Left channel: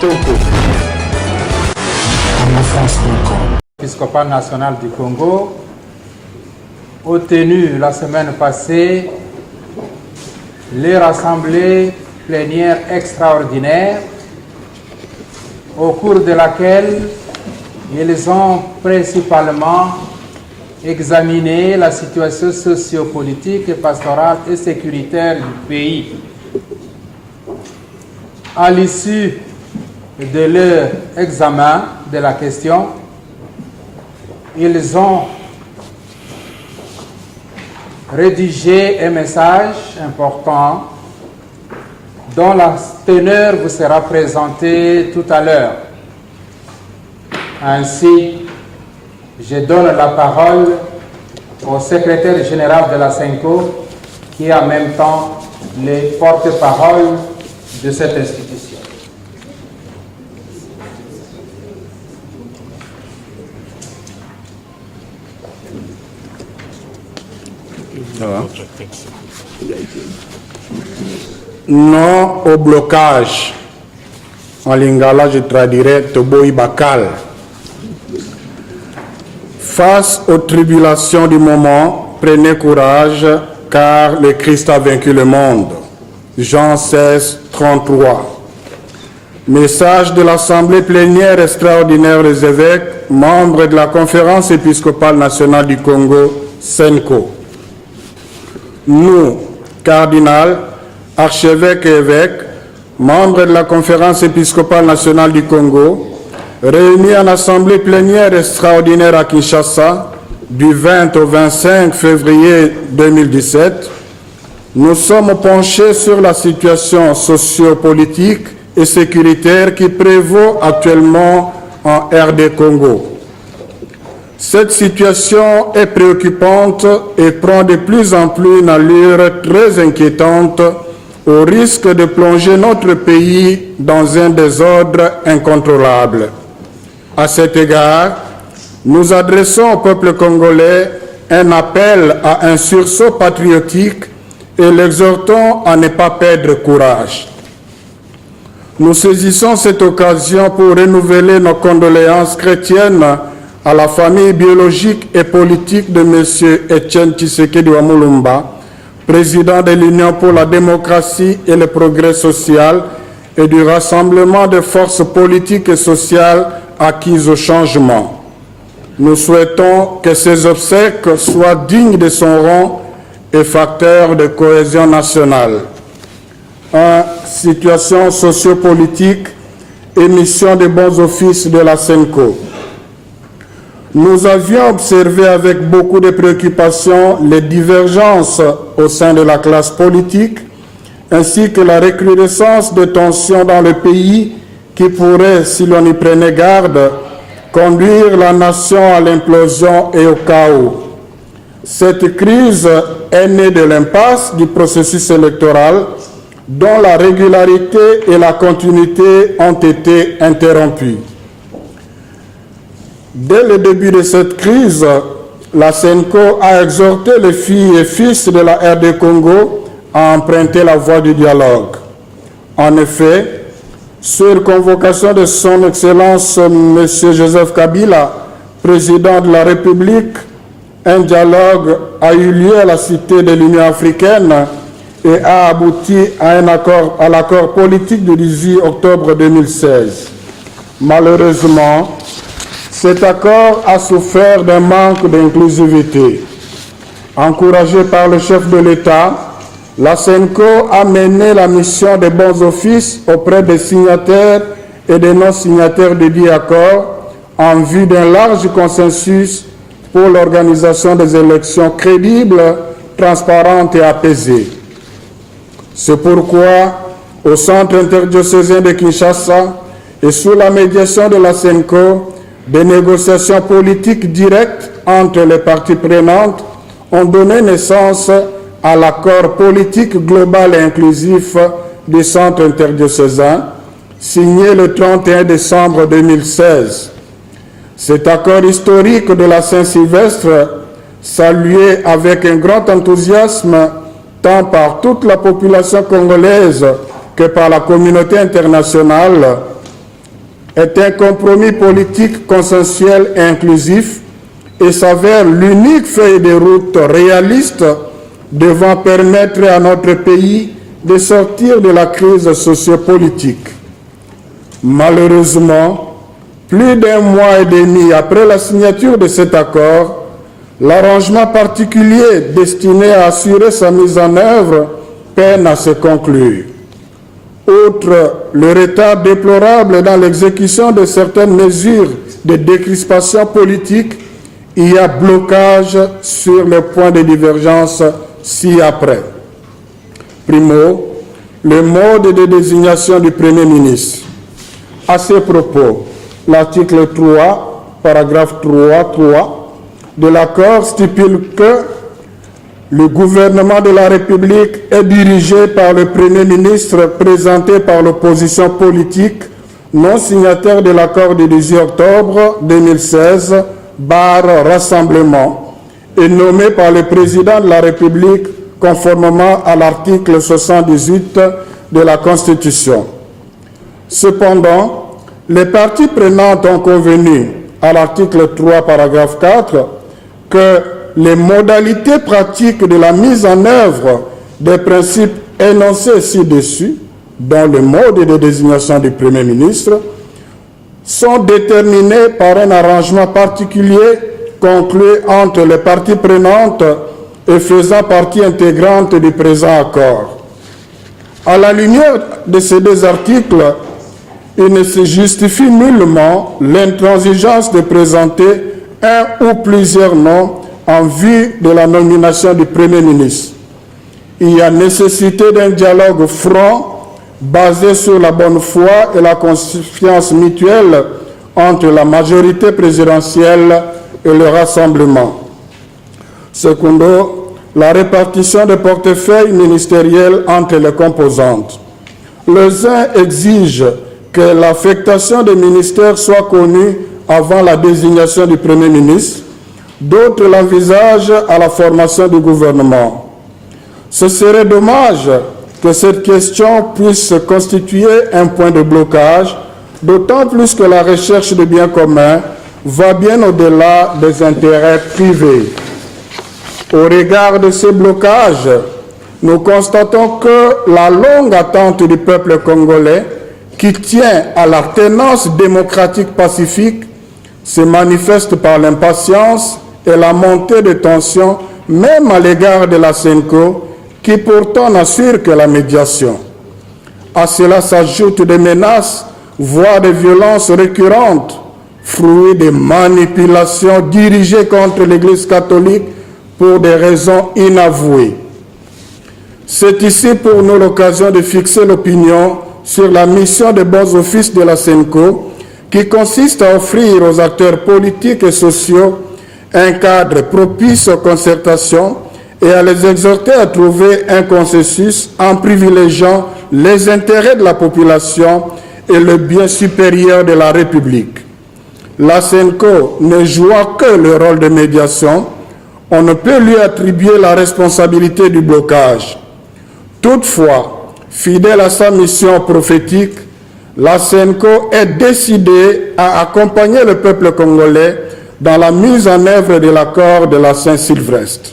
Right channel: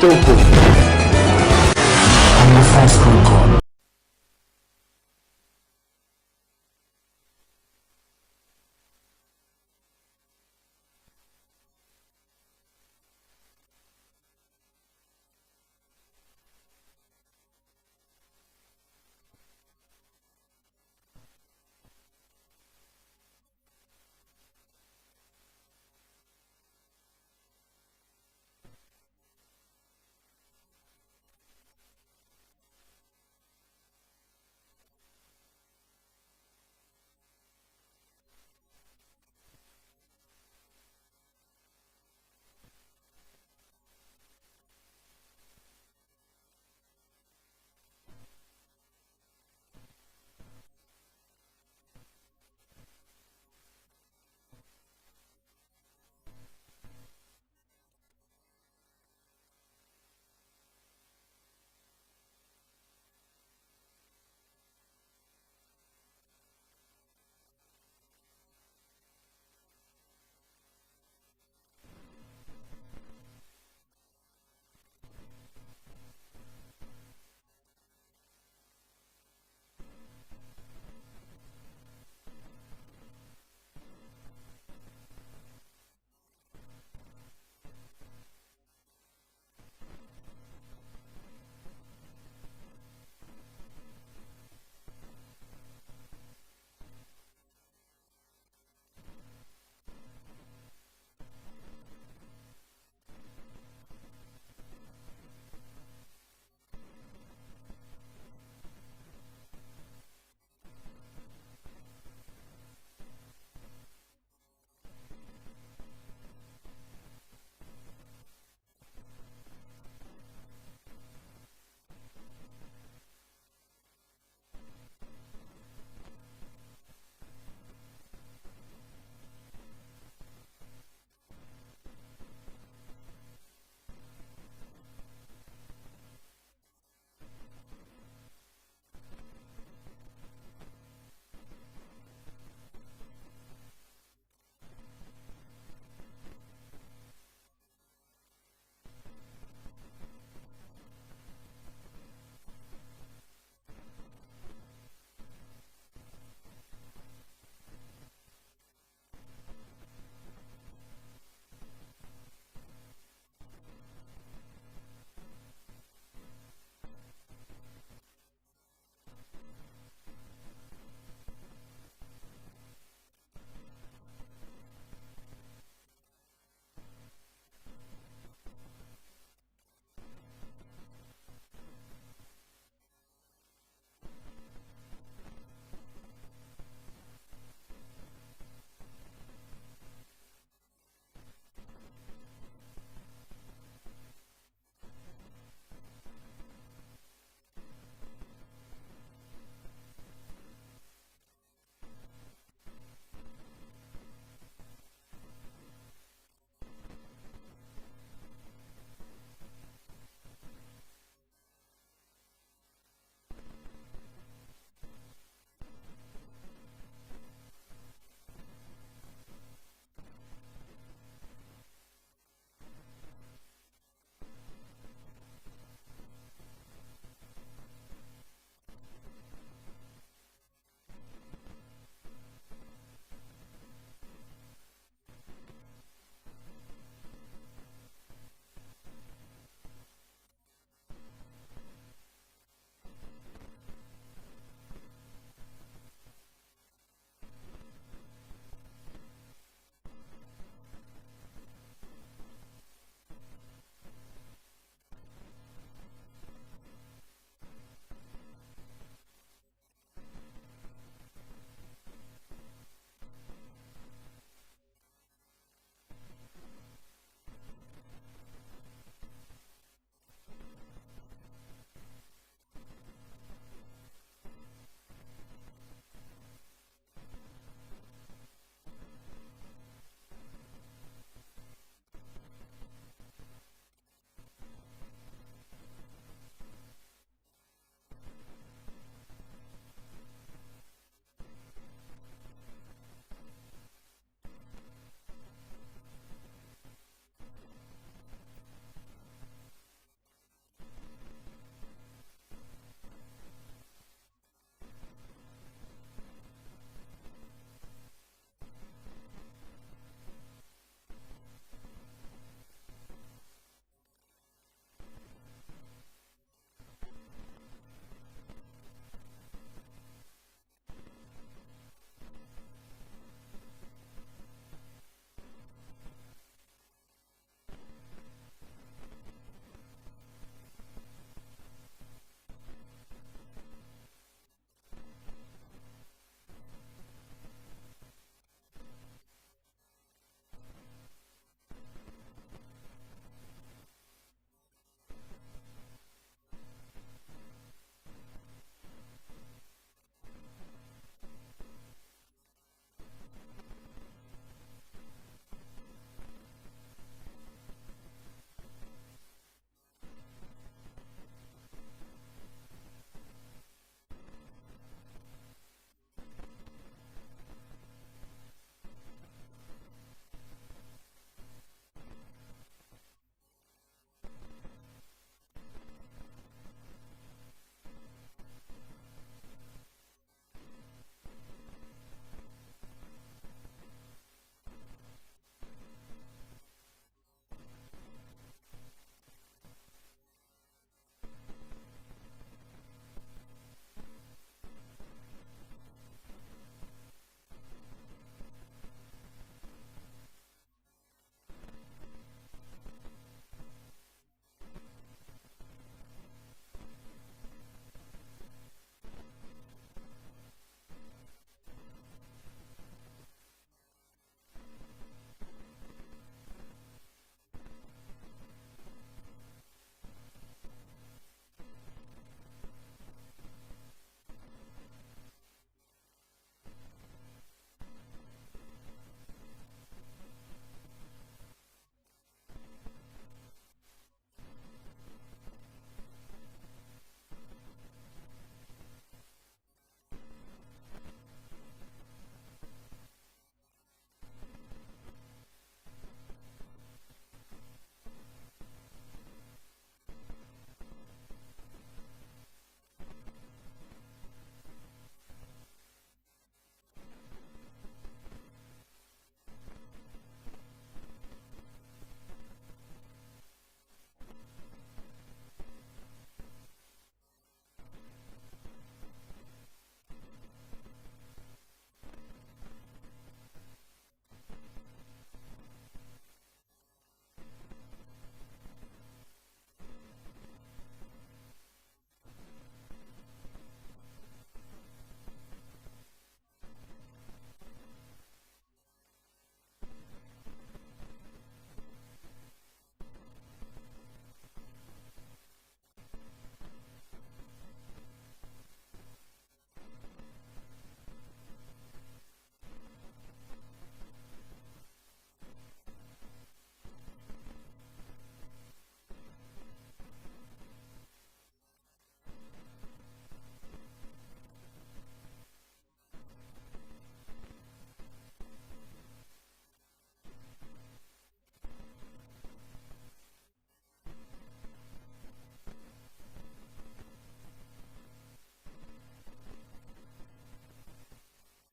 Kitoko. Épiscopat national du Congo a tenu la semaine passée les rassemblées plénières extraordinaires au cours de laquelle ils ont principalement examiné la situation sociopolitique, pastorale et sécuritaire du pays. À l'issue de leur examen de la question, ils ont rédigé un message important dont la teneur vous sera présentée tout à l'heure. Ainsi, je donne la parole au secrétaire général de la SENCO, qui est en même temps le porte-parole de cette institution. Non au blocage. En lingala, je traduirai Toboy Bakal. Face aux tribulations du moment, prenez courage, car le Christ a vaincu le monde. Jean 16, 33. Message de l'Assemblée plénière extraordinaire des évêques, membres de la Conférence épiscopale nationale du Congo, SENCO. Nous, cardinal, archevêques et évêques, membres de la Conférence épiscopale nationale du Congo, réunis en assemblée plénière extraordinaire à Kinshasa du 20 au 25 février 2017, nous sommes penchés sur la situation sociopolitique et sécuritaire qui prévaut actuellement en RD Congo. Cette situation est préoccupante et prend de plus en plus une allure très inquiétante au risque de plonger notre pays dans un désordre incontrôlable. À cet égard, nous adressons au peuple congolais un appel à un sursaut patriotique et l'exhortons à ne pas perdre courage. Nous saisissons cette occasion pour renouveler nos condoléances chrétiennes à la famille biologique et politique de M. Etienne Tshisekedi Wamulumba, président de l'Union pour la démocratie et le progrès social et du Rassemblement des forces politiques et sociales acquises au changement. Nous souhaitons que ces obsèques soient dignes de son rang et facteurs de cohésion nationale. Situation sociopolitique et mission des bons offices de la SENCO. Nous avions observé avec beaucoup de préoccupation les divergences au sein de la classe politique, ainsi que la recrudescence de tensions dans le pays qui pourrait, si l'on y prenait garde, conduire la nation à l'implosion et au chaos. Cette crise est née de l'impasse du processus électoral dont la régularité et la continuité ont été interrompues. Dès le début de cette crise, la SENCO a exhorté les filles et fils de la RD Congo à emprunter la voie du dialogue. En effet, sur convocation de son Excellence M. Joseph Kabila, président de la République, un dialogue a eu lieu à la Cité de l'Union africaine et a abouti à l'accord politique du 18 octobre 2016. Malheureusement, cet accord a souffert d'un manque d'inclusivité. Encouragé par le chef de l'État, la SENCO a mené la mission des bons offices auprès des signataires et des non-signataires de dits accords en vue d'un large consensus pour l'organisation des élections crédibles, transparentes et apaisées. C'est pourquoi, au Centre interdiocésain de Kinshasa et sous la médiation de la SENCO, des négociations politiques directes entre les parties prenantes ont donné naissance à l'accord politique global et inclusif du Centre interdiocésain, signé le 31 décembre 2016. Cet accord historique de la Saint-Sylvestre, salué avec un grand enthousiasme tant par toute la population congolaise que par la communauté internationale, est un compromis politique consensuel et inclusif et s'avère l'unique feuille de route réaliste devant permettre à notre pays de sortir de la crise sociopolitique. Malheureusement, plus d'un mois et demi après la signature de cet accord, l'arrangement particulier destiné à assurer sa mise en œuvre peine à se conclure. Outre le retard déplorable dans l'exécution de certaines mesures de décrispation politique, il y a blocage sur les points de divergence ci-après. Primo, le mode de désignation du Premier ministre. À ce propos, l'article 3, paragraphe 3 de l'accord stipule que le gouvernement de la République est dirigé par le Premier ministre présenté par l'opposition politique non signataire de l'accord du 18 octobre 2016, Rassemblement, et nommé par le président de la République conformément à l'article 78 de la Constitution. Cependant, les parties prenantes ont convenu, à l'article 3, paragraphe 4, que les modalités pratiques de la mise en œuvre des principes énoncés ci-dessus, dont le mode de désignation du Premier ministre, sont déterminées par un arrangement particulier conclu entre les parties prenantes et faisant partie intégrante du présent accord. À la lumière de ces deux articles, il ne se justifie nullement l'intransigeance de présenter un ou plusieurs noms en vue de la nomination du Premier ministre. Il y a nécessité d'un dialogue franc basé sur la bonne foi et la confiance mutuelle entre la majorité présidentielle et le Rassemblement. Secondo, la répartition des portefeuilles ministériels entre les composantes. Les uns exigent que l'affectation des ministères soit connue avant la désignation du Premier ministre, d'autres l'envisagent à la formation du gouvernement. Ce serait dommage que cette question puisse constituer un point de blocage, d'autant plus que la recherche de biens communs va bien au-delà des intérêts privés. Au regard de ces blocages, nous constatons que la longue attente du peuple congolais, qui tient à la tenance démocratique pacifique, se manifeste par l'impatience et la montée de tensions, même à l'égard de la CENCO, qui pourtant n'assure que la médiation. À cela s'ajoutent des menaces, voire des violences récurrentes, fruits de manipulations dirigées contre l'Église catholique pour des raisons inavouées. C'est ici pour nous l'occasion de fixer l'opinion sur la mission de bons offices de la CENCO, qui consiste à offrir aux acteurs politiques et sociaux un cadre propice aux concertations et à les exhorter à trouver un consensus en privilégiant les intérêts de la population et le bien supérieur de la République. La CENCO ne jouant que le rôle de médiation, on ne peut lui attribuer la responsabilité du blocage. Toutefois, fidèle à sa mission prophétique, la CENCO est décidée à accompagner le peuple congolais dans la mise en œuvre de l'accord de la Saint-Sylvestre.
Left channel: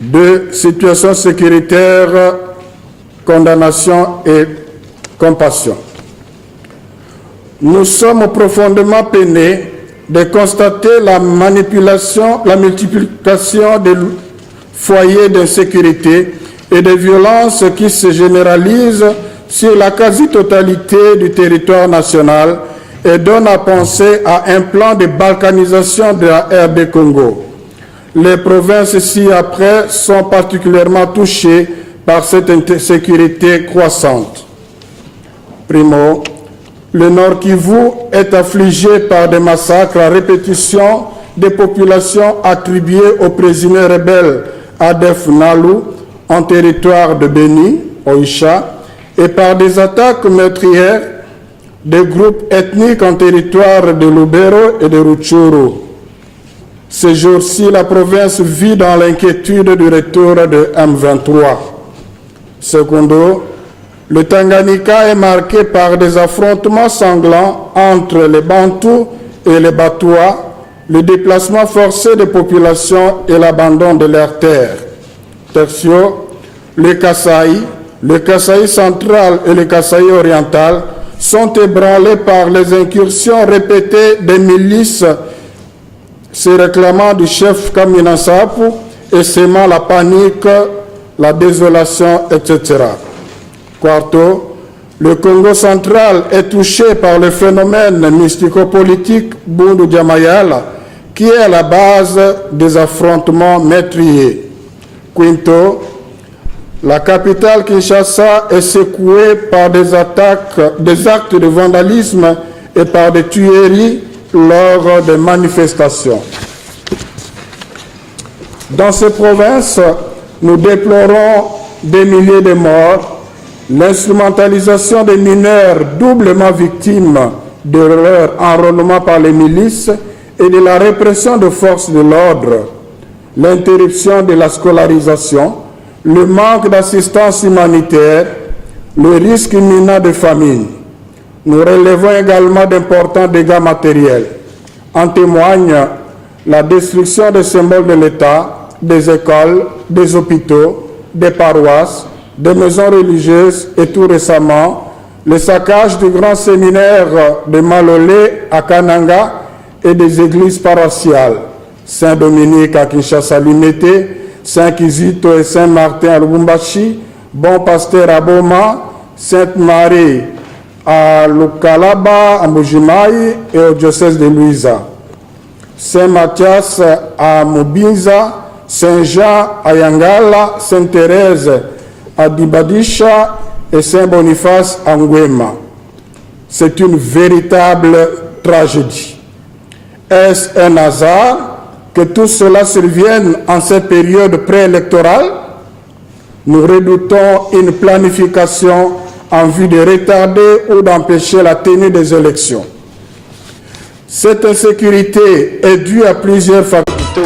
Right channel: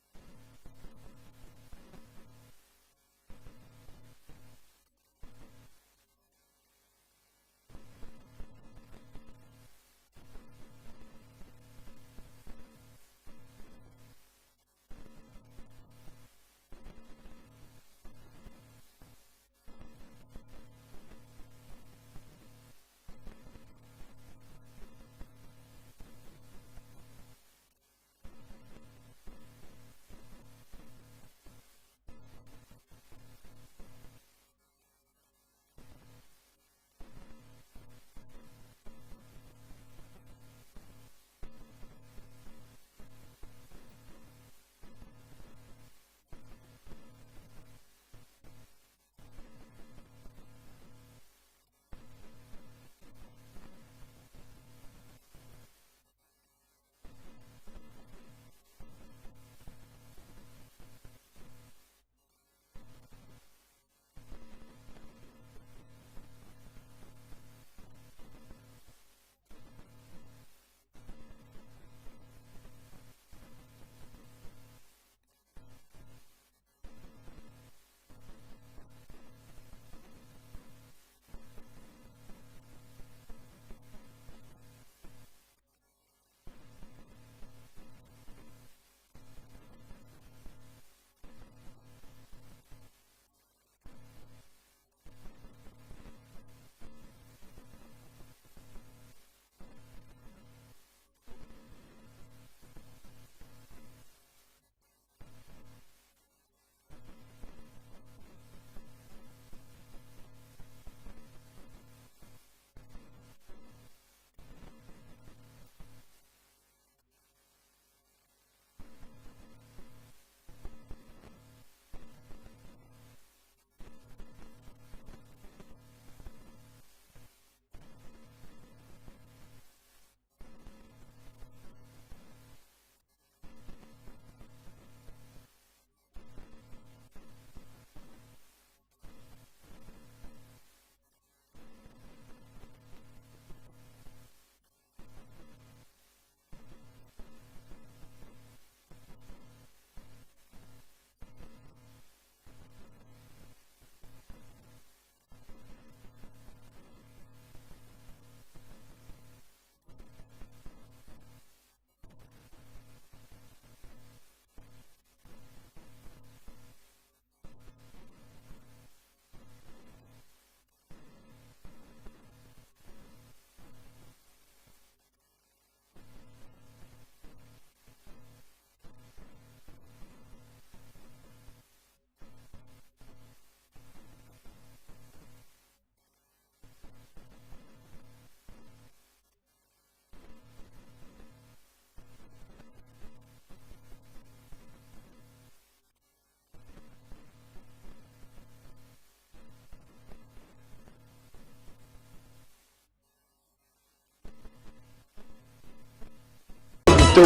2. Situation sécuritaire, condamnation et compassion. Nous sommes profondément peinés de constater la multiplication des foyers d'insécurité et de violences qui se généralisent sur la quasi-totalité du territoire national et donnent à penser à un plan de balkanisation de la RD Congo. Les provinces ci-après sont particulièrement touchées par cette insécurité croissante. Primo, le Nord Kivu est affligé par des massacres à répétition des populations attribuées aux prisonniers rebelles Adef Nalu en territoire de Beni, Oisha, et par des attaques meurtrières des groupes ethniques en territoire de Lubero et de Rutshuru. Ces jours-ci, la province vit dans l'inquiétude du retour de M23. Secondo, Le Tanganyika est marqué par des affrontements sanglants entre les Bantous et les Batois, le déplacement forcé des populations et l'abandon de leurs terres. Tertio, le Kasaï central et le Kasaï oriental sont ébranlés par les incursions répétées des milices se réclamant du chef Kamina Nsapu et sémant la panique, la désolation, etc. Quarto, le Congo central est touché par le phénomène mystico-politique Bundu Diamayala, qui est à la base des affrontements meurtriers. Quinto, la capitale Kinshasa est secouée par des actes de vandalisme et par des tueries lors des manifestations. Dans ces provinces, nous déplorons des milliers de morts, l'instrumentalisation des mineurs doublement victimes de leur enrôlement par les milices et de la répression de forces de l'ordre, l'interruption de la scolarisation, le manque d'assistance humanitaire, le risque imminent de famine. Nous relevons également d'importants dégâts matériels. En témoigne la destruction des symboles de l'État, des écoles, des hôpitaux, des paroisses, des maisons religieuses et tout récemment, le saccage du grand séminaire de Malolé à Kananga et des églises paroissiales, Saint-Dominique à Kinshasa-Limité, Saint-Kizito et Saint-Martin à Lubumbashi, Bon Pasteur à Boma, Sainte-Marie à Lukalaba, à Mbujimayi et au diocèse de Luiza, Saint-Mathias à Mubinza, Saint-Jean à Yangala, Sainte-Thérèse à Dibadisha et Saint-Boniface à Ngwema. C'est une véritable tragédie. Est-ce un hasard que tout cela survienne en cette période préélectorale? Nous redoutons une planification en vue de retarder ou d'empêcher la tenue des élections. Cette insécurité est due à plusieurs facteurs.